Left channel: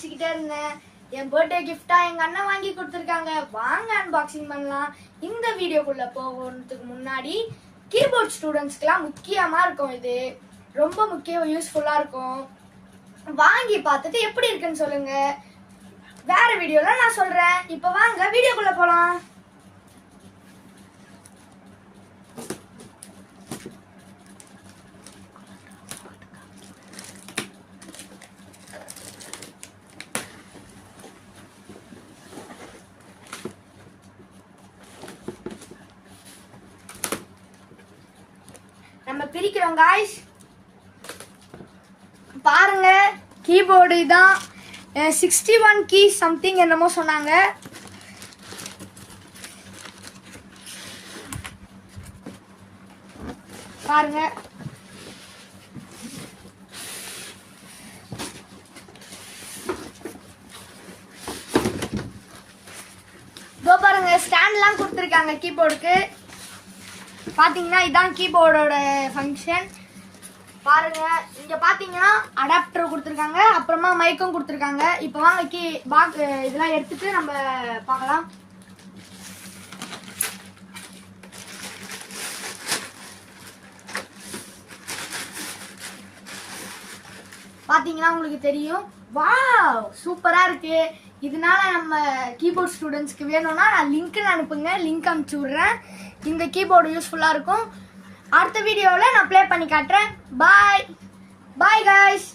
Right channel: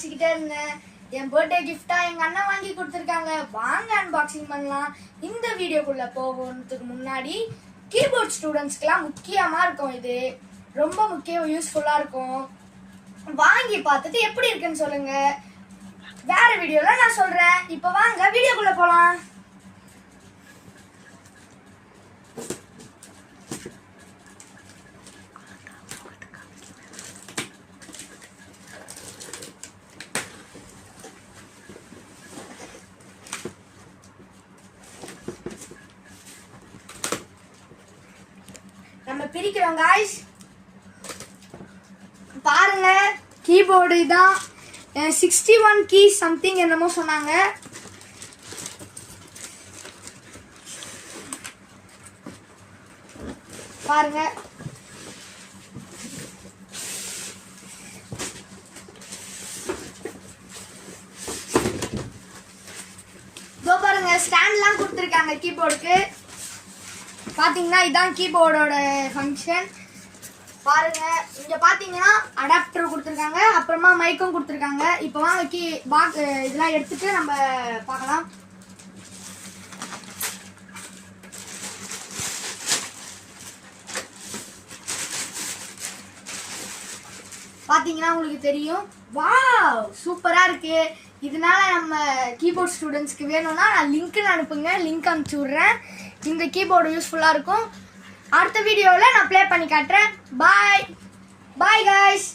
வச்சுக்கிட்டே இருந்தேன். என் பர்த்டே கிஃப்டா எங்க அண்ணன் வாங்கி கொடுத்துருக்காங்க. வாங்க அன்பாக்சிங் பண்ணலாம். இந்த வீடியோக்குள்ள போகிறதுக்கு முன்னாடி கீபோர்ட் ஸ்டூடெண்ட்ஸ்க்குலாம் முக்கியமா இருக்கும். இது ரொம்ப முக்கியம், யூஸ்ஃபுல்லா இருக்கும். வாங்கி பார்த்துட்டு எப்படி இருக்குன்னு சொல்லுங்க. வேற வீடியோல நான் சொல்றேன். இப்போ வாங்க வீடியோக்குள்ள போலாம். நம்ம பிரிக்கிறோம் गाइस. பாருங்க, கீபோர்டு தான் 61 கீ சம்திங் என்னமோ சொன்னாங்க. பாருங்க, பாருங்க ஸ்டாண்ட்லாம் கொடுத்துருக்காங்க கீபோர்டுக்கு. பாத்தீங்கன்னா இதான் கீபோர்டோட ஃபங்க்ஷன். பாருங்க, இங்க பாத்தீங்கன்னா அடாப்டர் கொடுத்துருக்காங்க, அப்புறமா மைக்கும் கொடுத்துருக்காங்க. இப்போ வாங்க பாக்ஸ் இதெல்லாம் எடுத்துட்டு நம்ம பார்க்கலாம். பாத்தீங்கன்னா உங்களுக்கு தெரியும். வாவ், சூப்பரா இருக்கு. இதனால நம்ம கீபோர்ட் ஸ்டூடெண்ட்ஸ்க்கு வேணும்னா நான் லிங்க் அனுப்புங்க, லிங்க் அனுப்பிச்சு விட்றேன். இந்த கீபோர்டு யூஸ்ஃபுல்லாக இருக்கும். அடுத்த வீடியோவில் நான் ப்ளே பண்ணி காட்டுறேன். பாய் பாய் गाइस.